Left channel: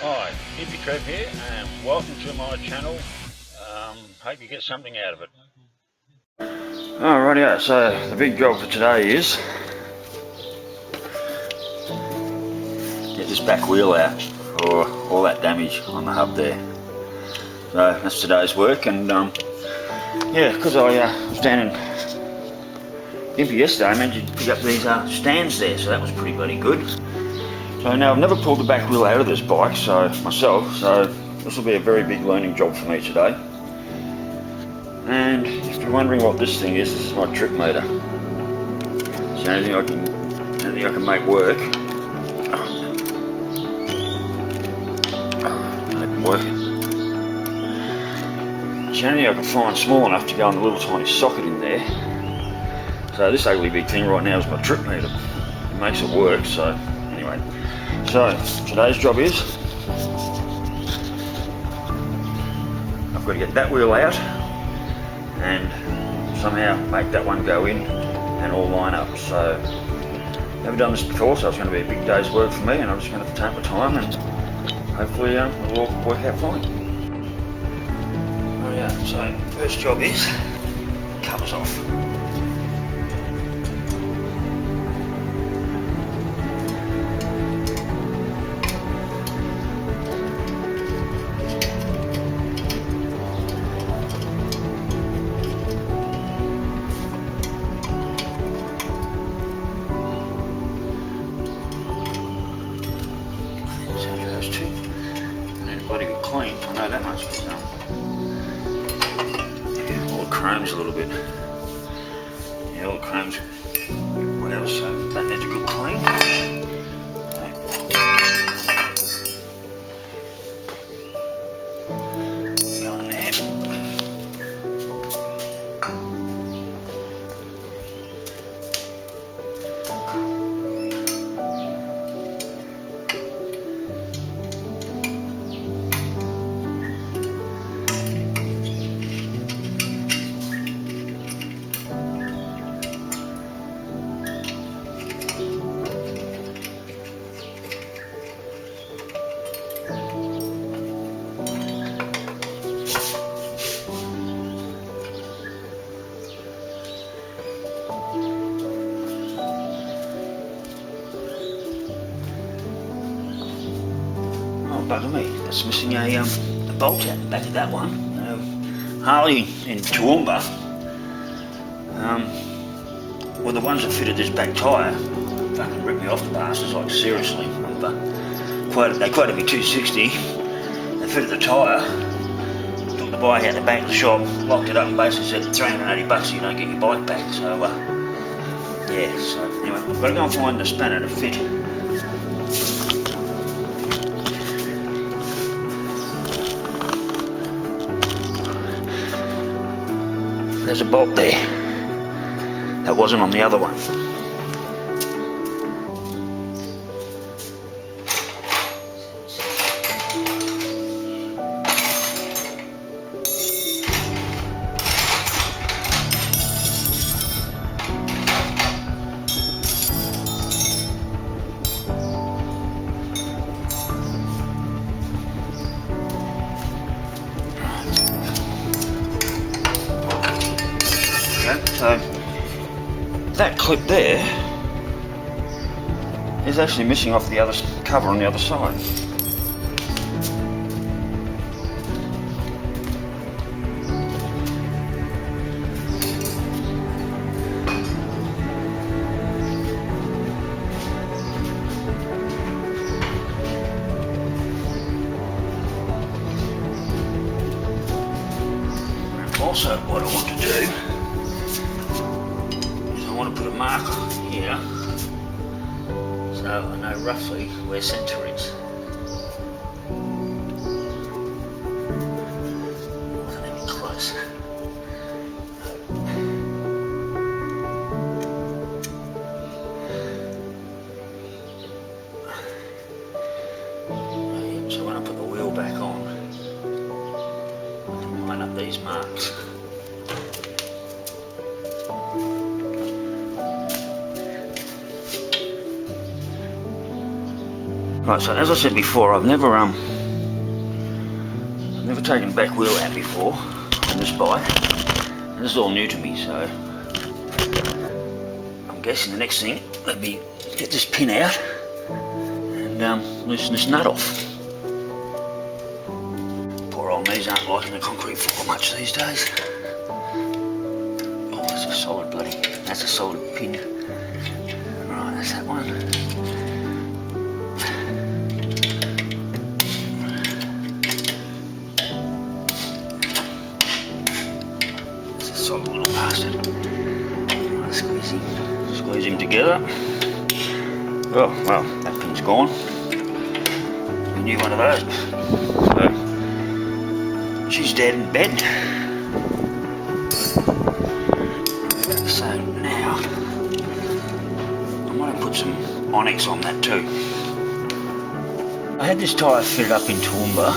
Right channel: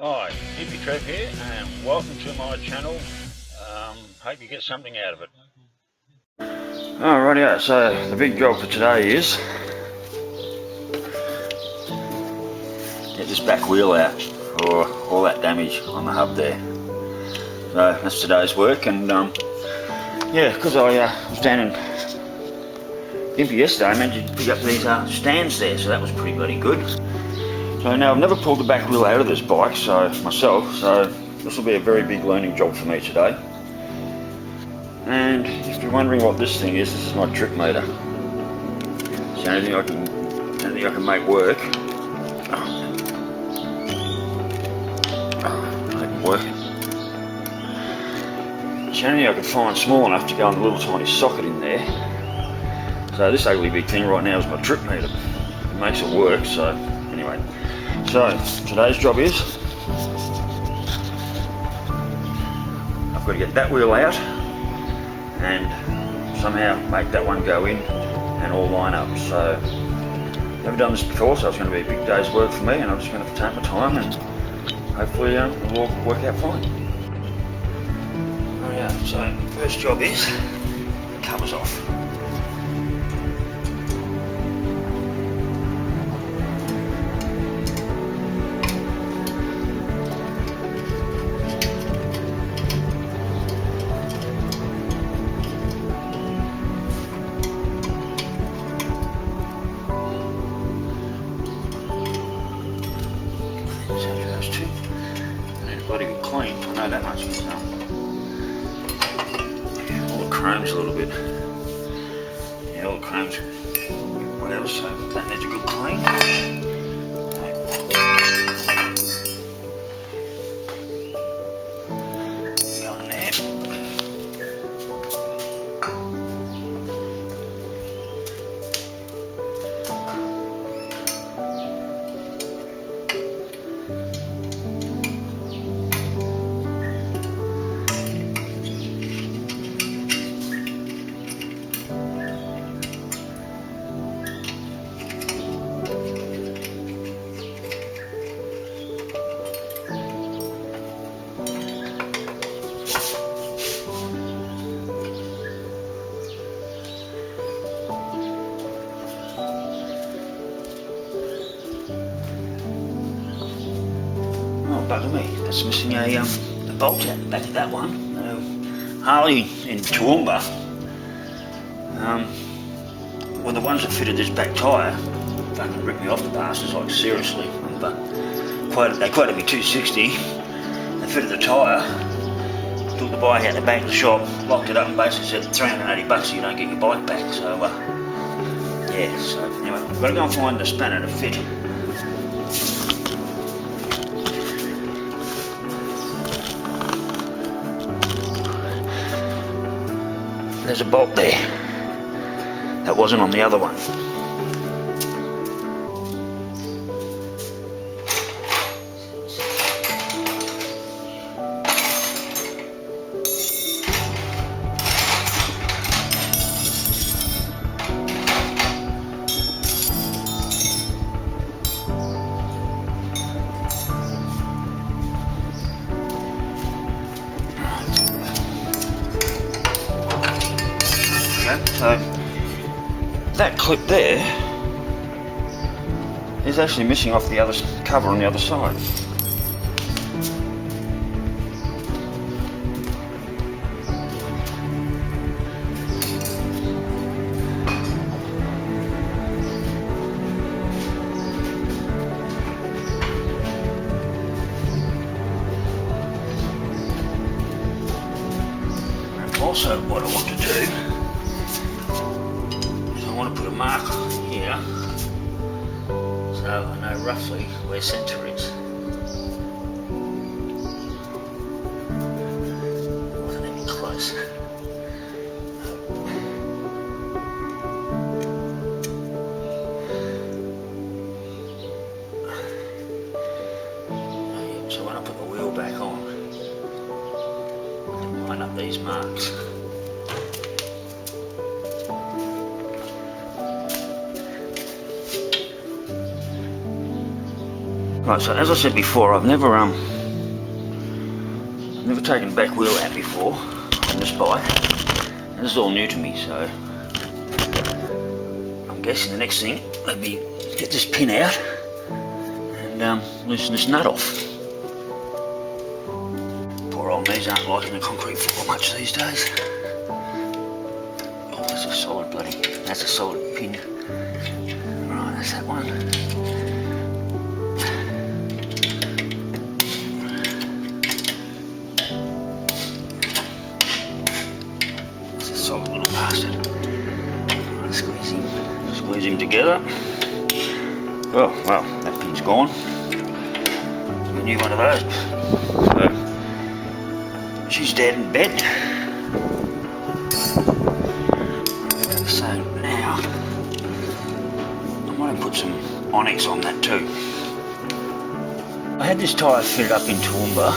Hi, Hippy Trev here, and welcome to my channel. Hope you get something out of it. Alrighty, so the big job for today is get this back wheel out for all that damage on the hub there. So that's today's work, and yeah, because I was down in Gympie yesterday, I managed to pick up these stands there, so that was pretty bloody good. So now I've never pulled the back wheel out of this bike myself, so this will be a very big learning job for me today. And if you're wondering what this thing is, this is my trip meter. It's the only thing I can make work. Not even working. It's the only thing I can find small enough to go in the little tiny socket in there. So this ugly big thing right now is my trip meter. It makes it work, so anyway. So today's job is I've got to get that wheel out and somehow make that one go in and all line up. So never done this before, so it's going to be a big day's work for me, and I'm just going to take my time and hopefully it'll all work out fine. Oh yeah, so first job is covers off. Those two, and then bloody good clean. I know that much, but yeah, all the chrome's a little bit. Yeah, all the chrome's well, so that needs a good clean. Go in there. Oh, bugger me, that's missing a bolt out the back of that one. Harley in Toowoomba, well, the ones that fitted this back tyre fucking ripped me off, the bastards, like seriously. They quoted me $260, they fitted the tyre, took the bike out the back of the shop, locked it up and basically said $380 so you don't get your bike back. So yeah, so anyway, I've got to go and find the spanner to fit. There's a bolt there that wasn't on the other one. So that clip there is actually missing off the other cover on the other side. And also what I want to do, I want to put a marker here so I know roughly where centre is. Wasn't even close. So when I put the wheel back on, I can line up these marks. Right, so as I said before, I've never taken the back wheel out before on this bike. And this is all new to me, so I'm guessing the next thing would be get this pin out and loosen this nut off. Poor old me's aren't liking the concrete floor much these days. Oh, that's a solid that's a solid pin. Right, that's that one. That's a solid little bastard. Right, squeeze him together. Oh, well, that pin's gone. We need one of those. So, she's dead in bed. So now, I might put some onyx on that too. I had this tyre fitted up in Toowoomba.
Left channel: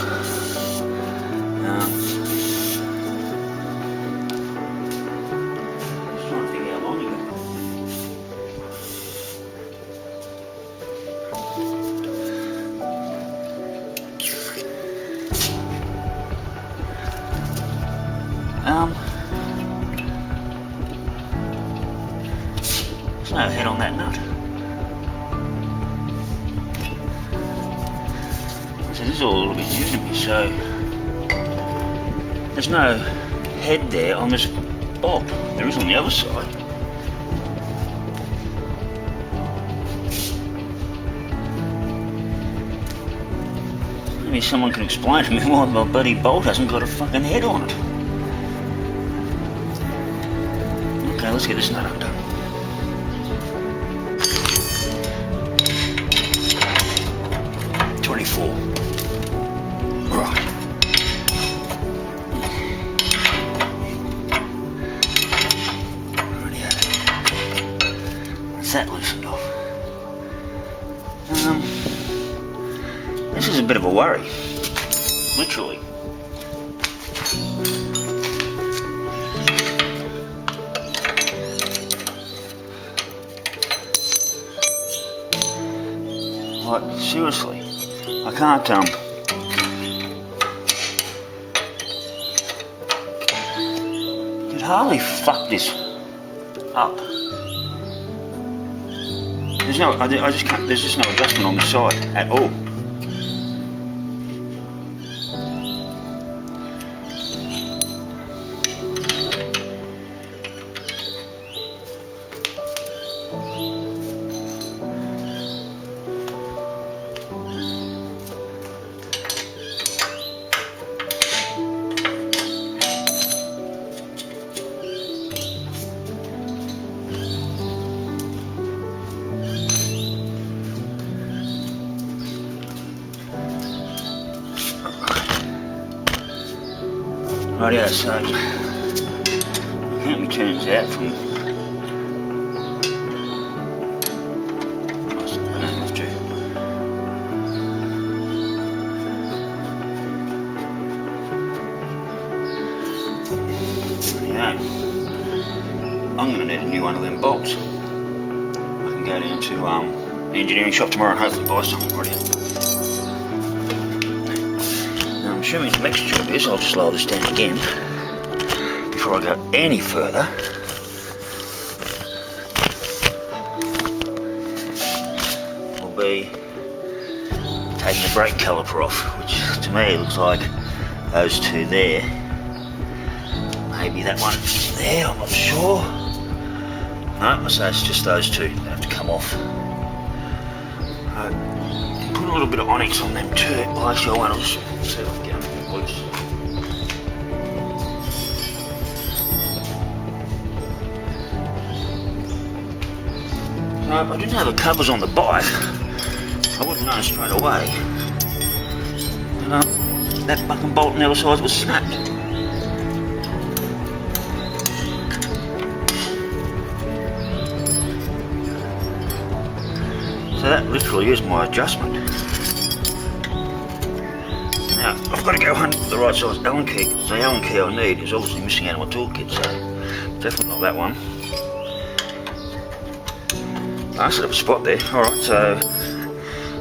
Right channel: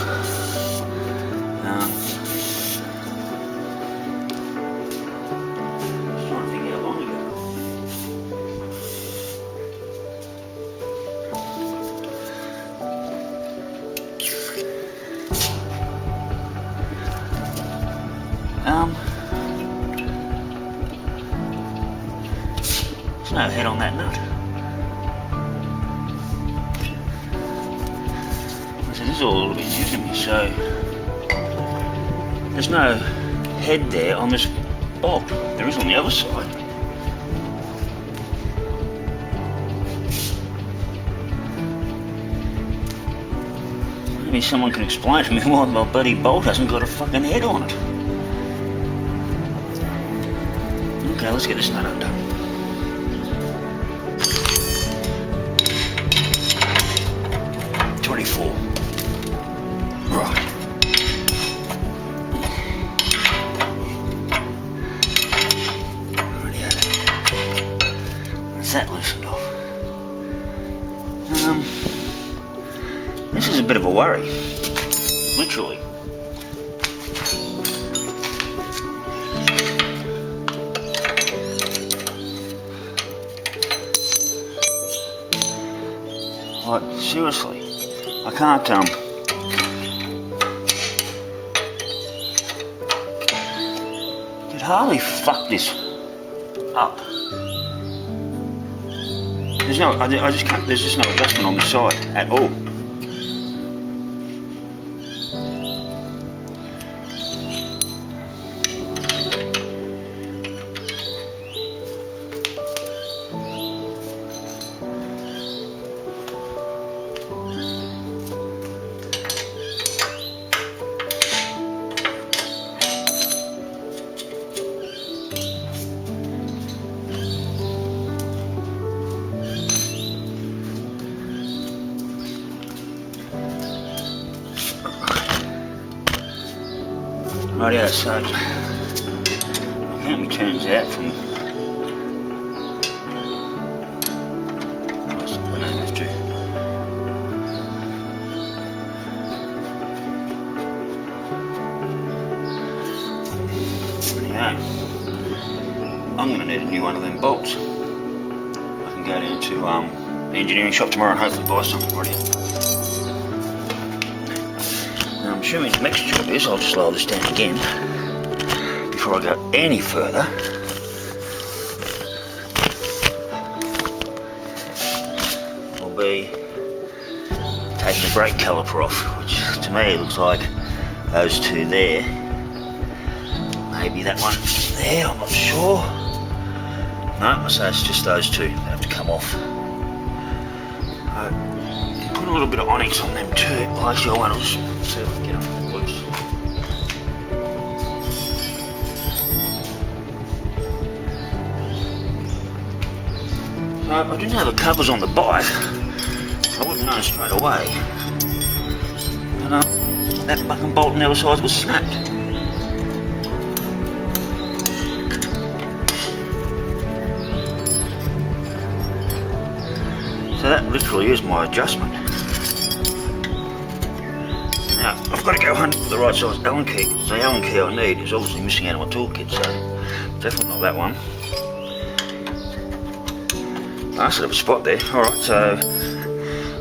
Just trying to think how long ago. There's no head on that nut. So this is all a little bit new to me, so there's no head there on this bolt. There is on the other side. Maybe someone can explain to me why my bloody bolt hasn't got a fucking head on it. Okay, let's get this nut undone. $24. Right. Rightio. That's that loosened off. This is a bit of a worry. Literally. Like, seriously, I can't, did Harley fuck this up? There's no, I just can't, there's just no adjustment on the side at all. Rightio, so I count my turns out from, I don't have to. Rightio, I'm going to need a new one of them bolts. I can go down to the engineering shop tomorrow and hopefully buy something. Rightio. Now I'm assuming the next job is, I'll just lower this down again before I go any further. Will be taking the brake caliper off, which to me looks like those two there. Maybe that one there, I'm not sure. No, I say it's just those two that have to come off. Put a little bit of onyx on them too. Well, actually, I won't. I'll just see if I can get them loose. So I didn't have the covers on the bike. I would have known straight away. And that fucking bolt on the other side was snapped. So that literally is my adjustment. Now, I've got to go hunt for the right size Allen key, because the Allen key I need is obviously missing out of my toolkit, so definitely not that one. I should have a spot there. Alright, so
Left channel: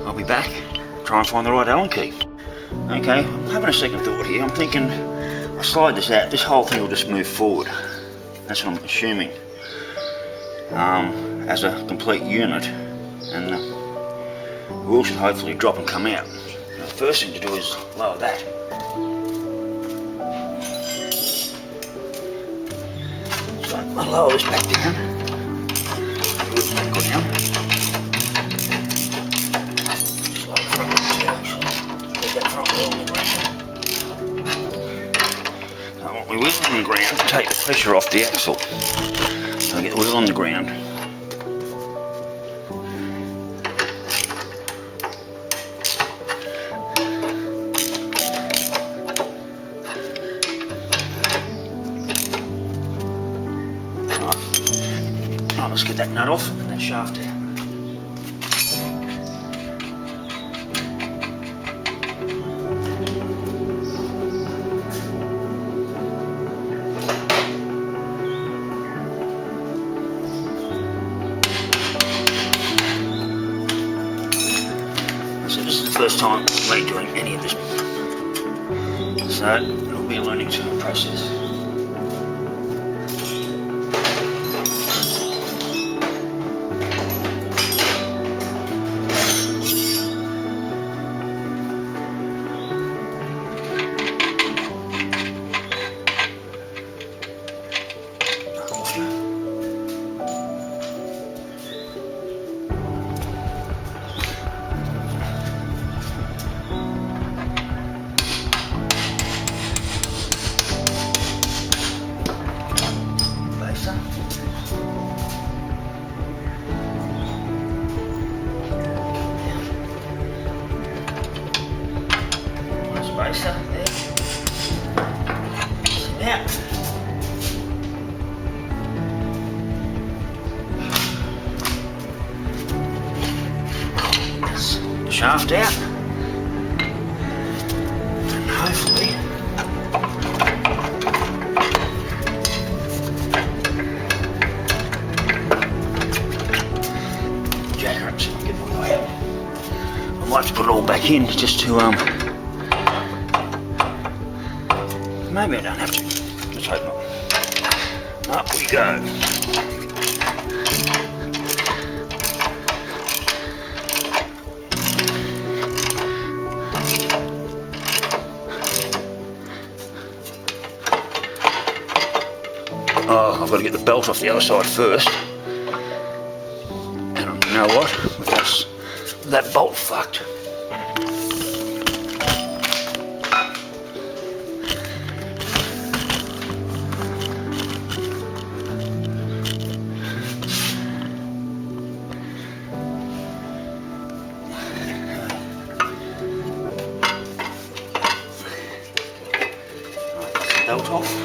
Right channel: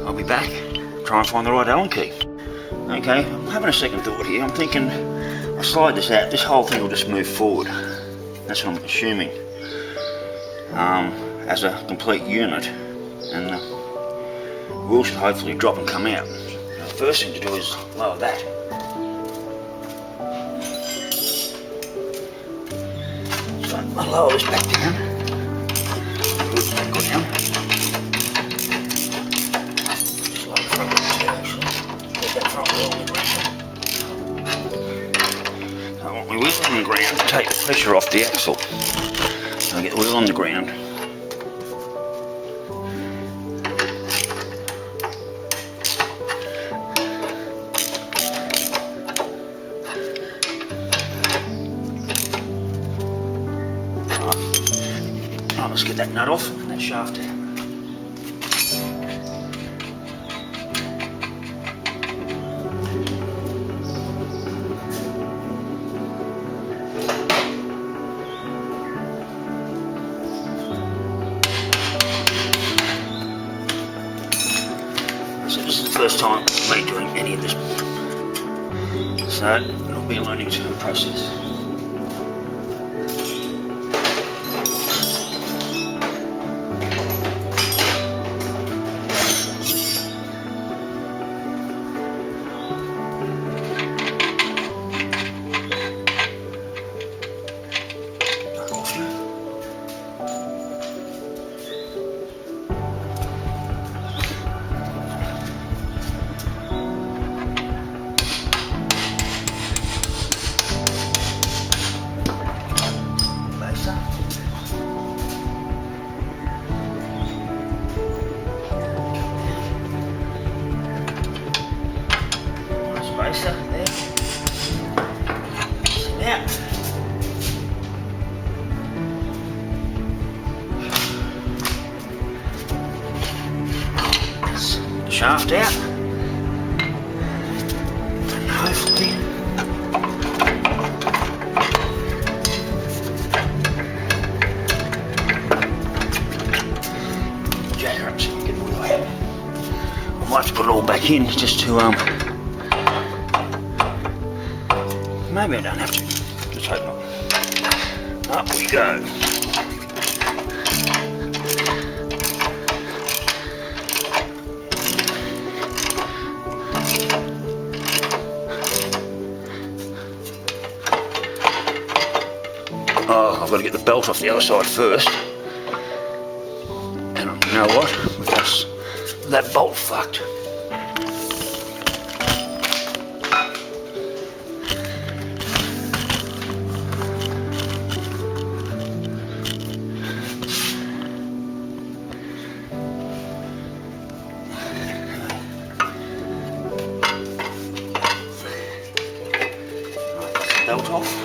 I'll be back try and find the right Allen key. Okay, I'm having a second thought here. I'm thinking, I slide this out, this whole thing will just move forward. That's what I'm assuming. As a complete unit, and the wheel should hopefully drop and come out. Now, the first thing to do is lower that. So I'll lower this back down. The wheel's been good down. Just lower the front wheel too, actually. Get that front wheel on the ground. So I want my wheel on the ground to take the pressure off the axle. So I get the wheel on the ground. Right, let's get that nut off and that shaft out. So this is the first time me doing any of this, so it'll be a learning process. Spacer there. So now that's the shaft out, and hopefully jack her up so we can get the wheel out. I might have to put it all back in just to maybe I don't have to. Let's hope not. Up we go. Oh, I've got to get the belt off the other side first. And you know what? With that bolt fucked. Belt off.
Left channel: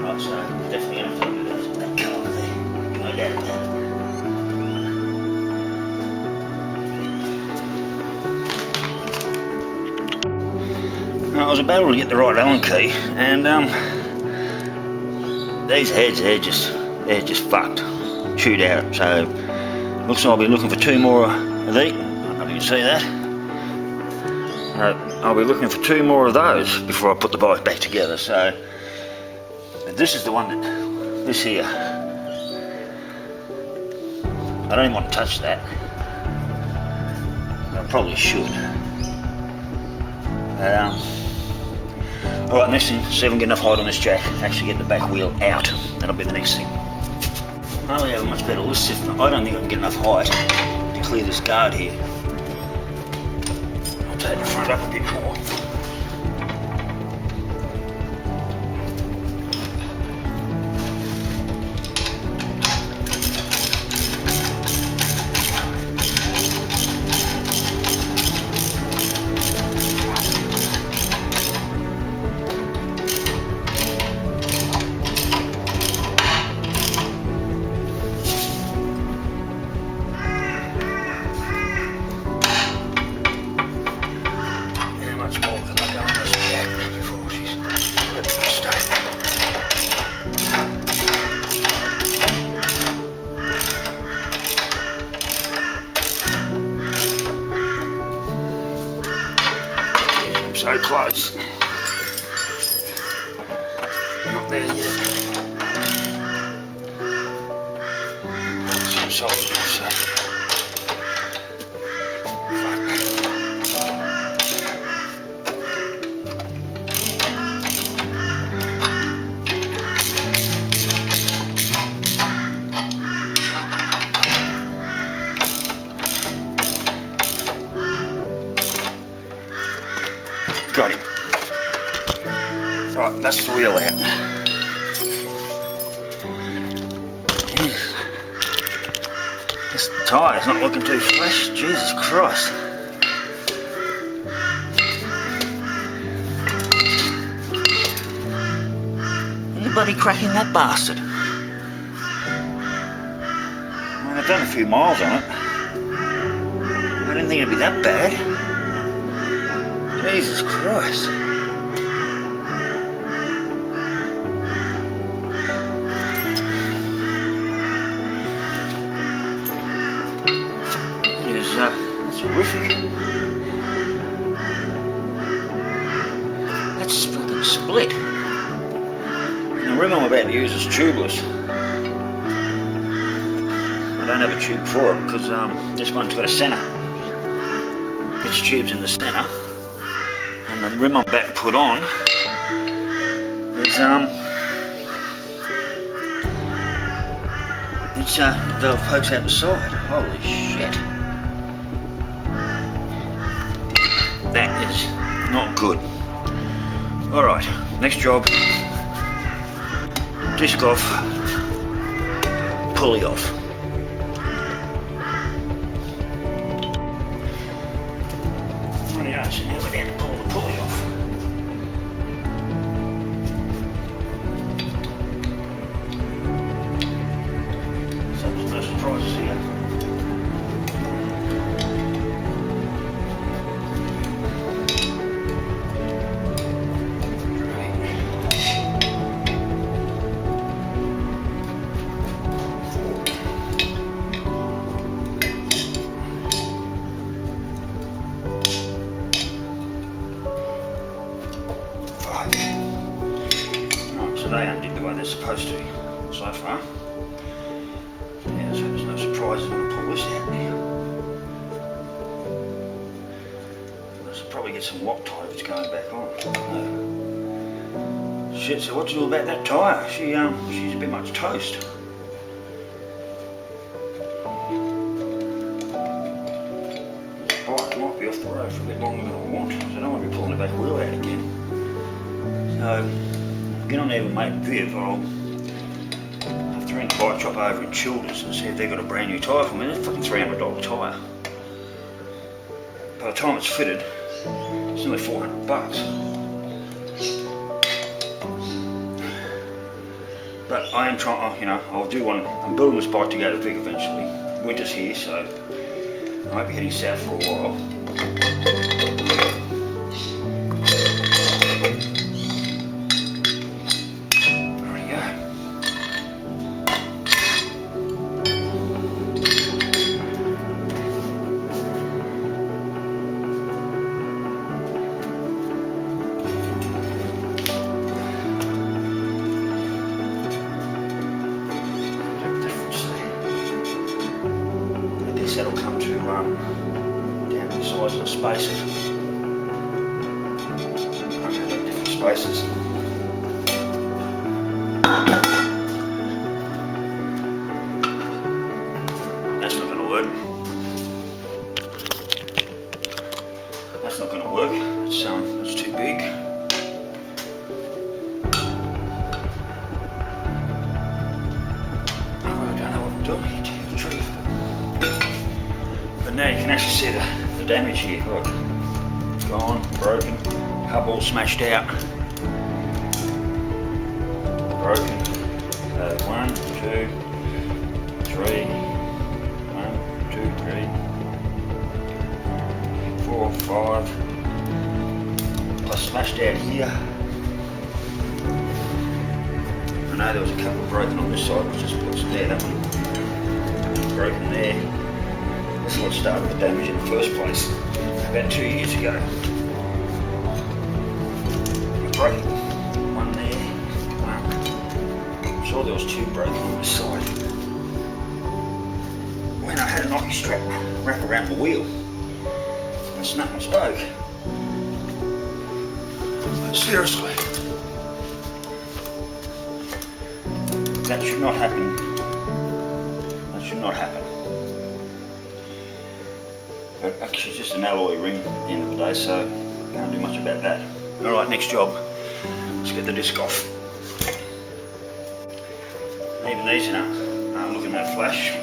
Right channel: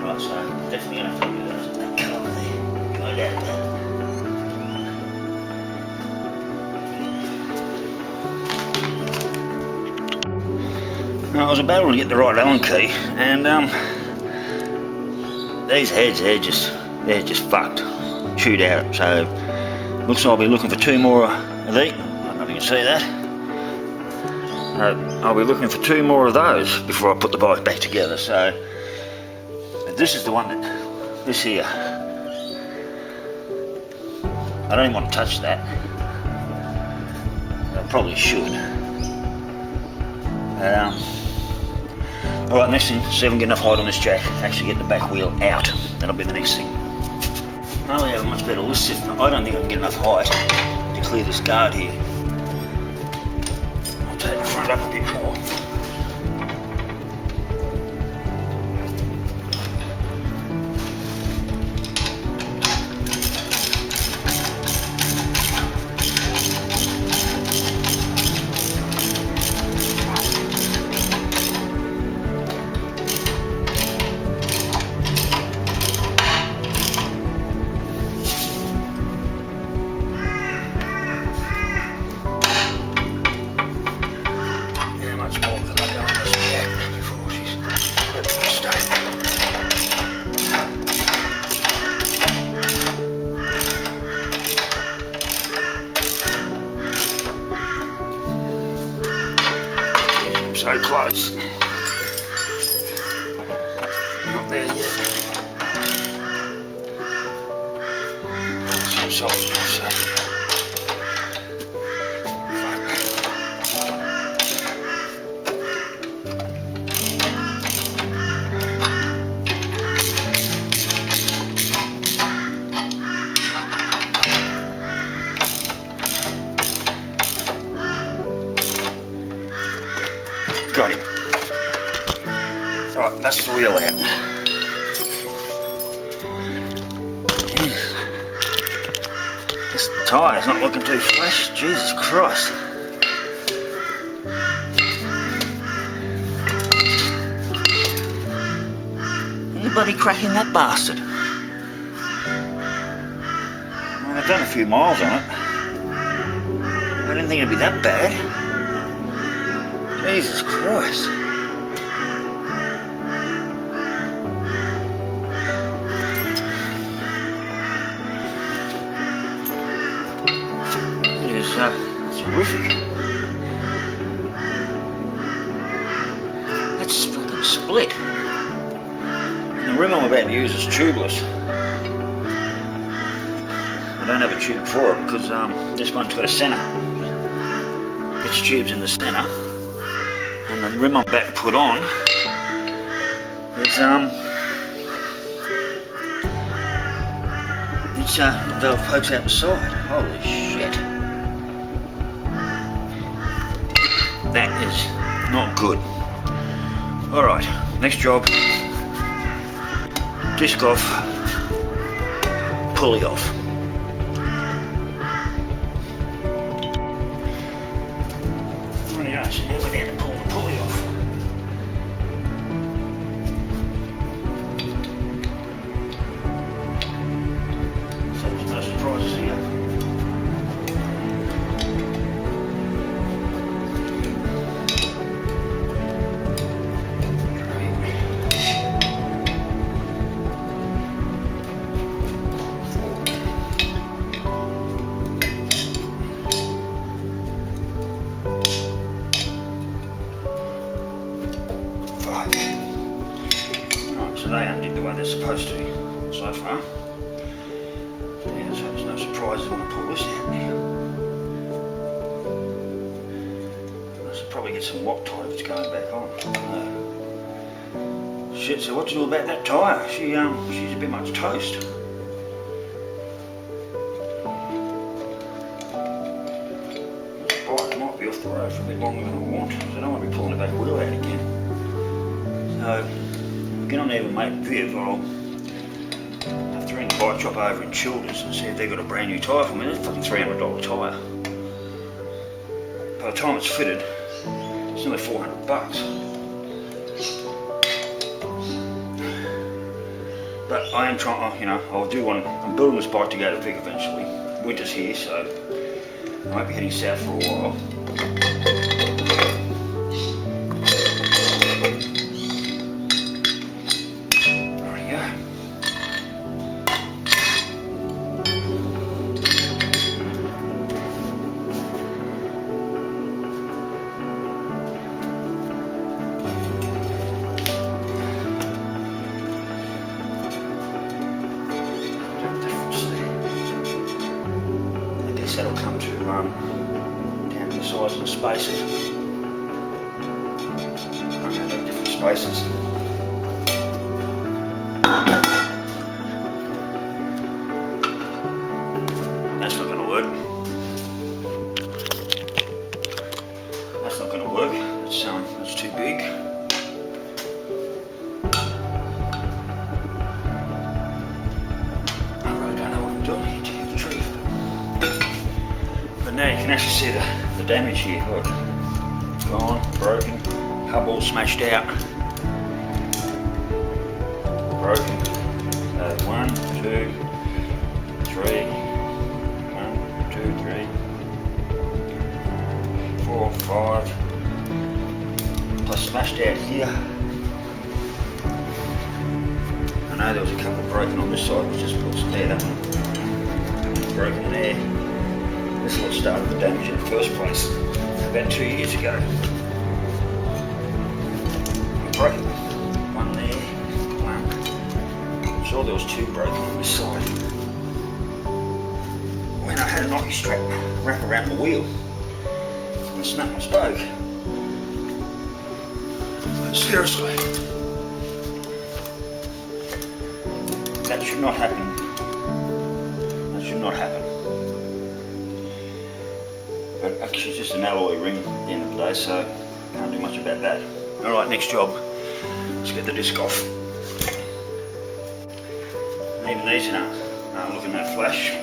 Right, so definitely going to have to do that colour there. No doubt about it. Now, I was about to get the right Allen key, and these heads they're just fucked, chewed out. So looks like I'll be looking for 2 more of these. I don't know if you can see that. I'll be looking for 2 more of those before I put the bike back together. So. This is the one this here. I don't even want to touch that. I probably should. Alright, next thing, see if I can get enough height on this jack, actually get the back wheel out. That'll be the next thing. I only have a much better lift system. I don't think I can get enough height to clear this guard here. I'll take the front up a bit more. close. Not there yet. Some salt, so. Got him. Right, that's the wheel out. Jeez. This tyre's not looking too fresh. Jesus Christ. Anybody cracking that bastard? Well, I've done a few miles on it. I didn't think it'd be that bad. Jesus Christ. It is, that's horrific. That's fucking split. And the rim I'm about to use is tubeless. I don't have a tube for it because this one's got a centre. Its tube's in the centre. And the rim I'm about to put on is it's the pokes out the side. Holy shit. That is not good. Alright, next job. Disc off, pulley off. Rightio, so now we're down to pulling the pulley off. So there's no surprises here. Right, so they undid the way they're supposed to so far. So yeah, so there's no surprises when I pull this out now. I should probably get some Loctite if it's going back on. Shit, so what to do about that tyre? She's a bit much toast. This bike might be off the road for a bit longer than I want, because I don't want to be pulling the back wheel out again. So, I'll get on there with mate Viv. I'll have to ring the bike shop over in Childers and see if they've got a brand new tyre for me. It's a fucking $300 tyre. By the time it's fitted, it's nearly $400. But I am trying, you know, I'm building this bike to go to Vic eventually. Winter's here, so I might be heading south for a while. That'll come to down to the size of the spaces. I'm going to have different spaces. That's not going to work. That's not going to work. That's too big. I really don't know what I'm doing here, to tell you the truth. But now you can actually see the damage here. Look, gone, broken, hub all smashed out, broken. So 1, 2, 3, 1, 2, 3, 4, 5, plus smashed out here. I know there was a couple broken on this side, which is what's there. That one's broken there. This is what started the damage in the first place, about 2 years ago. broken. One there, one. I'm sure there was two broken on this side. When I had a knocky strap wrap around the wheel and snapped my spoke. But seriously, that should not happen. That should not happen. But actually it's just an alloy ring at the end of the day, so can't do much about that. Alright, next job. Let's get the disc off. And even these aren't looking that flash.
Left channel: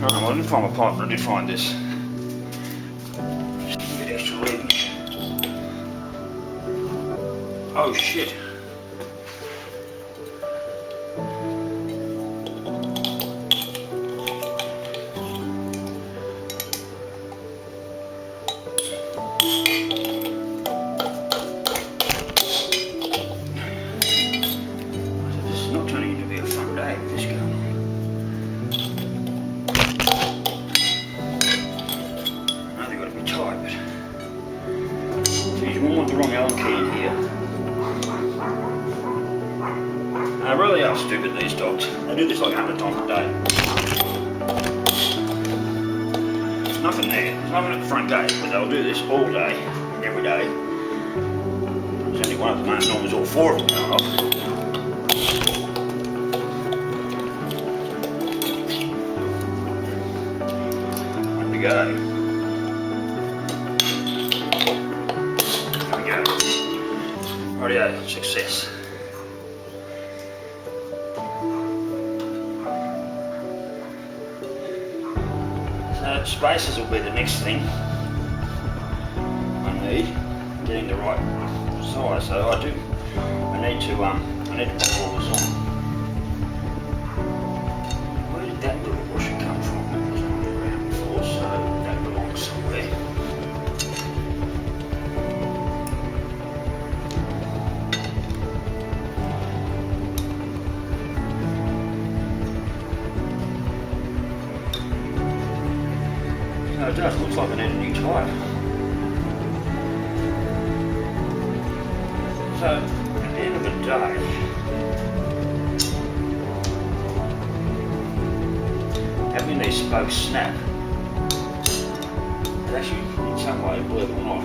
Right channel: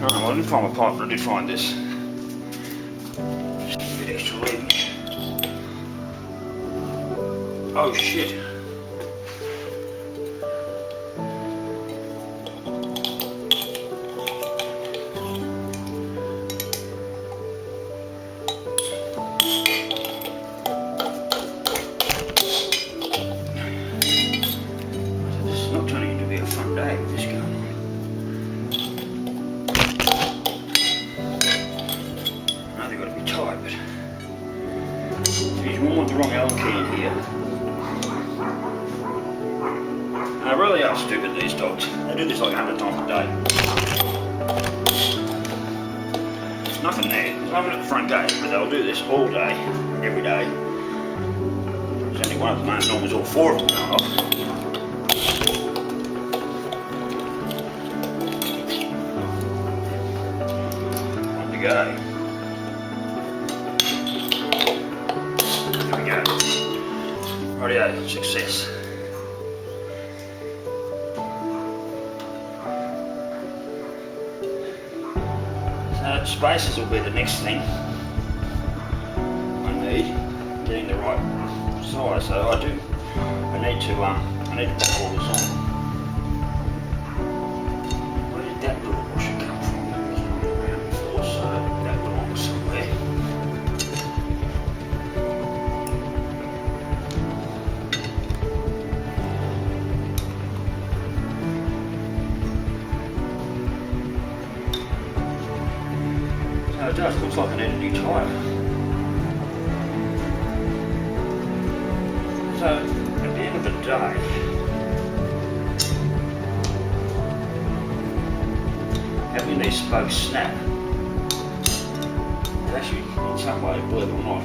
Oh, well, I didn't find my pipe, but I did find this. Just a bit extra lead. Oh shit. This is not turning into be a fun day with this going on. I know they've got to be tight, but geez, you wouldn't want the wrong Allen key in here. And they really are stupid, these dogs. They do this like 100 times a day. There's nothing there. There's nothing at the front gate, but they'll do this all day, every day. There's only one at the moment. Normally all four of them going off. One to go. There we go. Rightio, success. So spacers will be the next thing I need, getting the right size. So I need to bolt all this on. Where did that little washer come from? That wasn't on the ground before, so that belongs somewhere. No, it does. It looks like I need a new tyre. So, at the end of the day, having these spokes snap, it actually, in some way, believe it or not,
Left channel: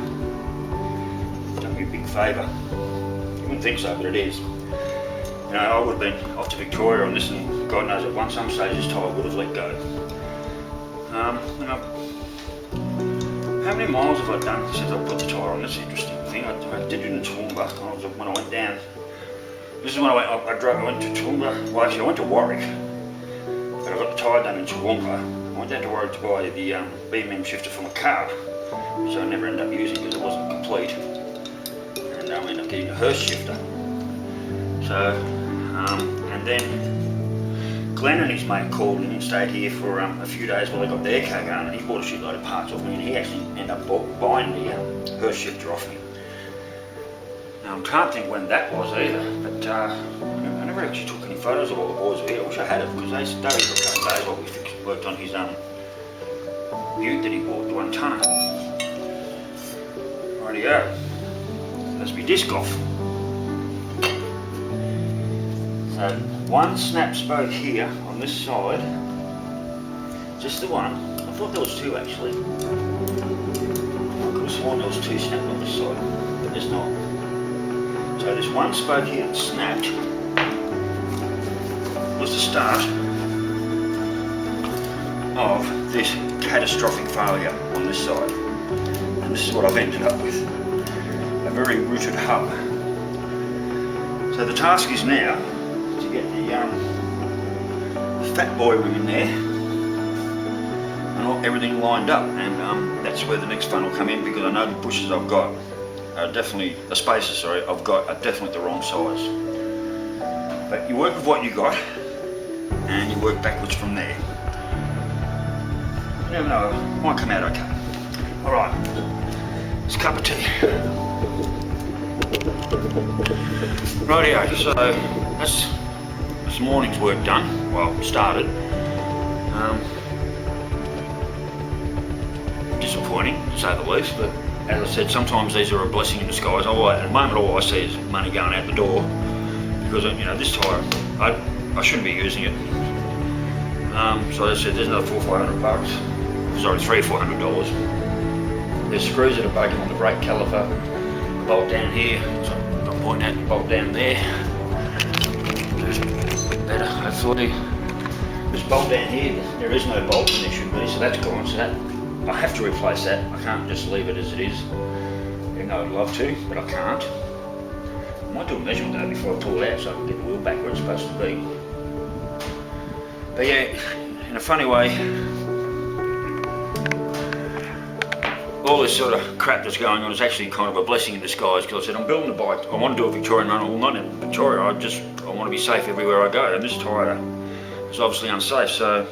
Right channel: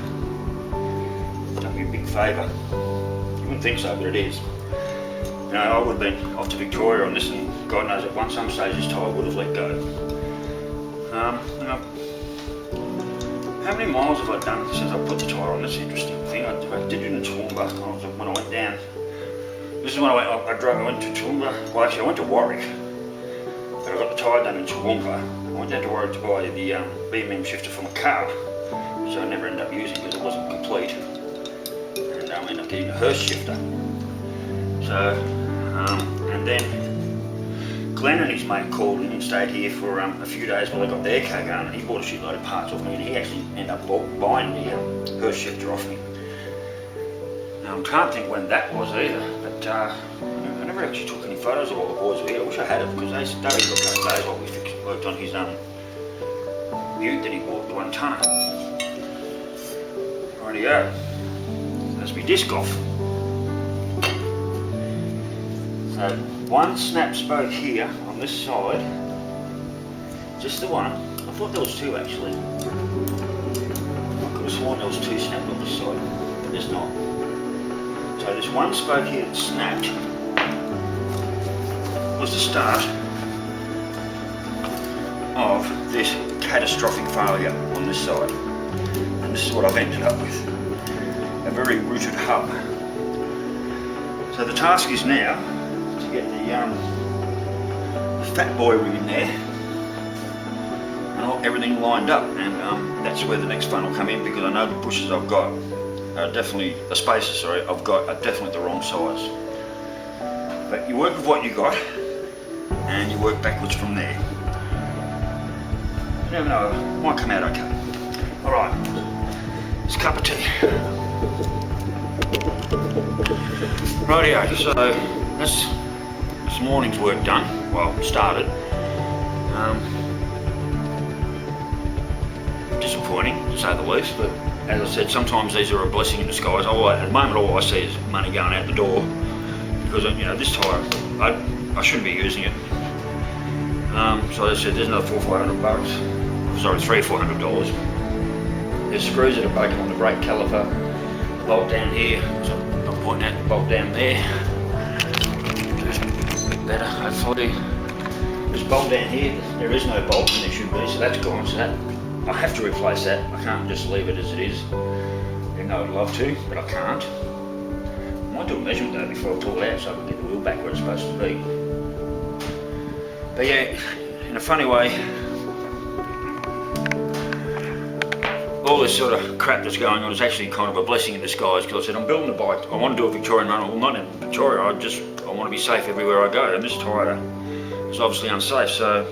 done me a big favour. You wouldn't think so, but it is. You know, I would have been off to Victoria on this, and God knows at some stage this tyre would have let go. How many miles have I done since I put the tyre on? That's the interesting thing. I did it in Toowoomba when I went down. This is when I went to Toowoomba. Well, actually, I went to Warwick, but I got the tyre done in Toowoomba. I went down to Warwick to buy the BMM shifter for my car, which I never ended up using because it wasn't complete, and I ended up getting a Hurst shifter. So, and then Glenn and his mate called in and stayed here for a few days while they got their car going, and he bought a shitload of parts off me, and he actually ended up buying the Hurst shifter off me. Now I can't think when that was either, but I never actually took any photos of all the boys were here. I wish I had it, because they were a couple of days while we worked on his Butte that he bought, the 1 tonner. Rightio, that's my disc off. So, one snap spoke here on this side, just the one. I thought there was two actually. I could have sworn there was two snapped on this side, but there's not. So this one spoke here that snapped was the start of this catastrophic failure on this side. And this is what I've ended up with, a very rooted hub. So the task is now to get the fat boy ring in there and everything lined up, and that's where the next fun will come in, because I know the bushes I've got are definitely, the spacers sorry, I've got are definitely the wrong size. But you work with what you got and you work backwards from there. You never know, it might come out okay. Alright, it's a cup of tea. Rightio, so that's this morning's work done, well started. disappointing to say the least, but as I said, sometimes these are a blessing in disguise. At the moment all I see is money going out the door, because you know, this tyre, I shouldn't be using it. So as I said, there's another $400-500 bucks. Sorry, $300-400. There's screws that are bugging on the brake caliper. The bolt down here, I'm not pointing out the bolt down there. Just a bit better, hopefully. This bolt down here, there is no bolt when there should be, so that's gone. So that I have to replace that. I can't just leave it as it is. Even though I'd love to, but I can't. I might do a measurement though before I pull it out so I can get the wheel back where it's supposed to be. But yeah, in a funny way, all this sort of crap that's going on is actually kind of a blessing in disguise, because I said I'm building a bike, I want to do a Victorian run. Well, not in Victoria, I want to be safe everywhere I go, and this tyre is obviously unsafe. So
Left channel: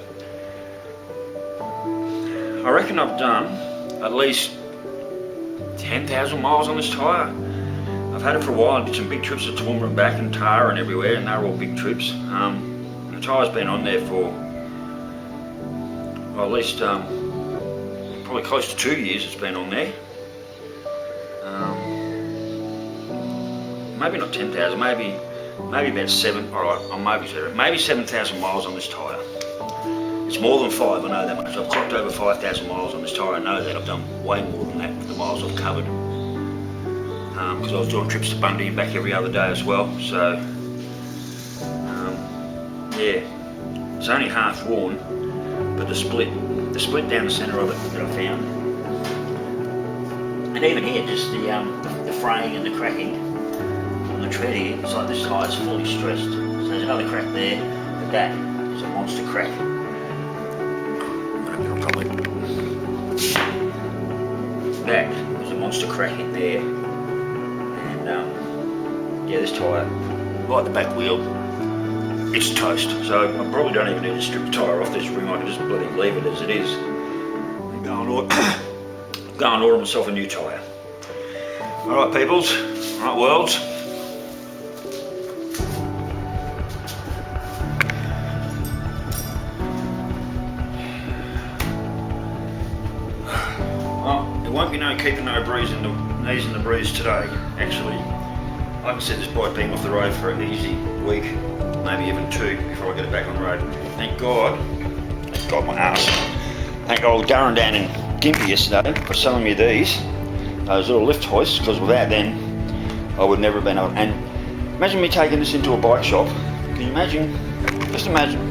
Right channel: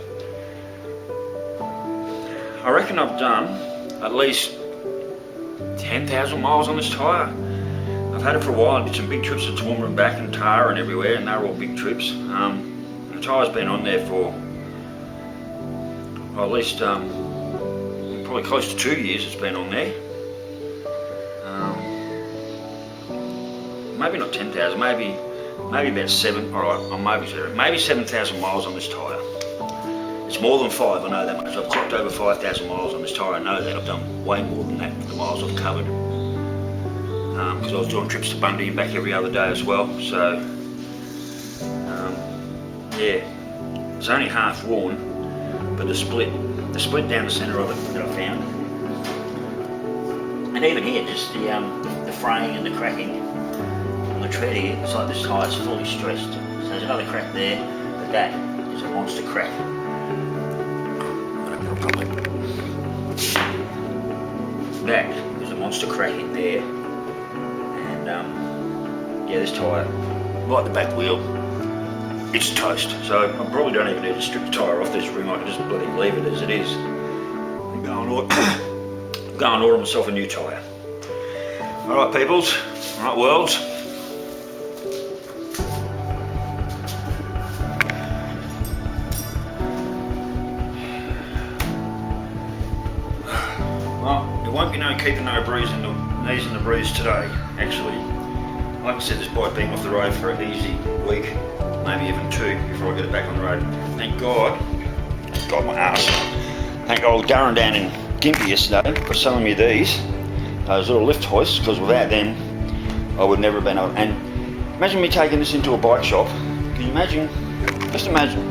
I reckon I've done at least 10,000 miles on this tyre. I've had it for a while. I did some big trips to Toowoomba and back and Tara and everywhere, and they were all big trips. The tyre's been on there for well, at least probably close to 2 years it's been on there. Maybe not 10,000, maybe about 7, alright, maybe 7,000 miles on this tyre. It's more than 5, I know that much. I've clocked over 5,000 miles on this tyre, I know that. I've done way more than that for the miles I've covered. Because I was doing trips to Bundy and back every other day as well, so yeah, it's only half worn, but the split down the centre of it that I found, and even here, just the fraying and the cracking on the tread here, it's like this tyre is fully stressed. So there's another crack there, but that is a monster crack. That is a monster crack in there, and yeah, this tyre, like the back wheel, it's toast. So I probably don't even need to strip the tyre off this rim. I can just bloody leave it as it is and go and order myself a new tyre. Alright peoples, alright worlds. Well, it won't be no keeping no breeze in the knees and the breeze today. Actually, like I said, this bike being off the road for an easy week, maybe even 2 before I get it back on the road. Thank God my ass. Thank old Darren down in Gympie yesterday for selling me those little lift hoists, because without them I would never have been able. And imagine me taking this into a bike shop. Can you imagine? Just imagine.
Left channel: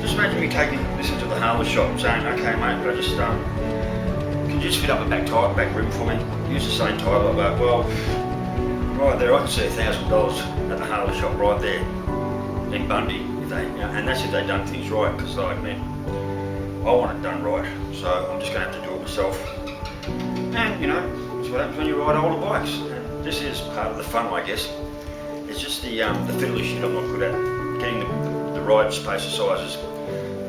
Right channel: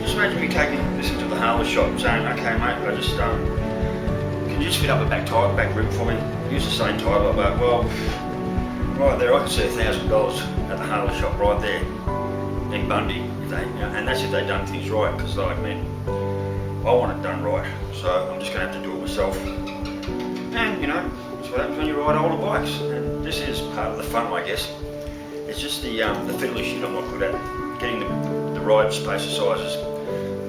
Just imagine me taking this into the Harley shop and saying, okay mate, I just can you just fit up a back rim for me? Use the same tyre, but well, right there I can see $1,000 at the Harley shop right there in Bundy, if they, and that's if they've done things right, because like me, I want it done right, so I'm just going to have to do it myself. And you know, it's what happens when you ride older bikes, and this is part of the fun, I guess. It's just the fiddly shit I'm not good at, getting the right spacer sizes.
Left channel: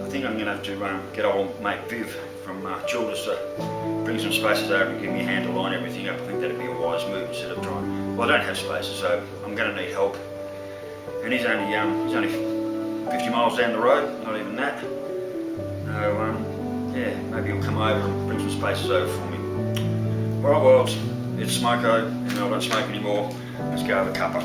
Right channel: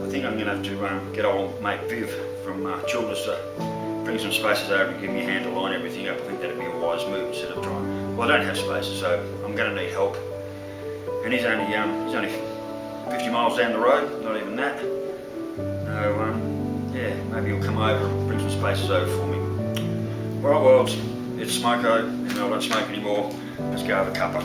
I think I'm going to have to get old mate Viv from Childers to bring some spacers over and give me a hand to line everything up. I think that'd be a wise move instead of trying. Well, I don't have spacers, so I'm going to need help. And he's only 50 miles down the road, not even that. So yeah, maybe he'll come over and bring some spacers over for me. Alright worlds, it's Smoko, and I don't smoke anymore. Let's go have a cuppa.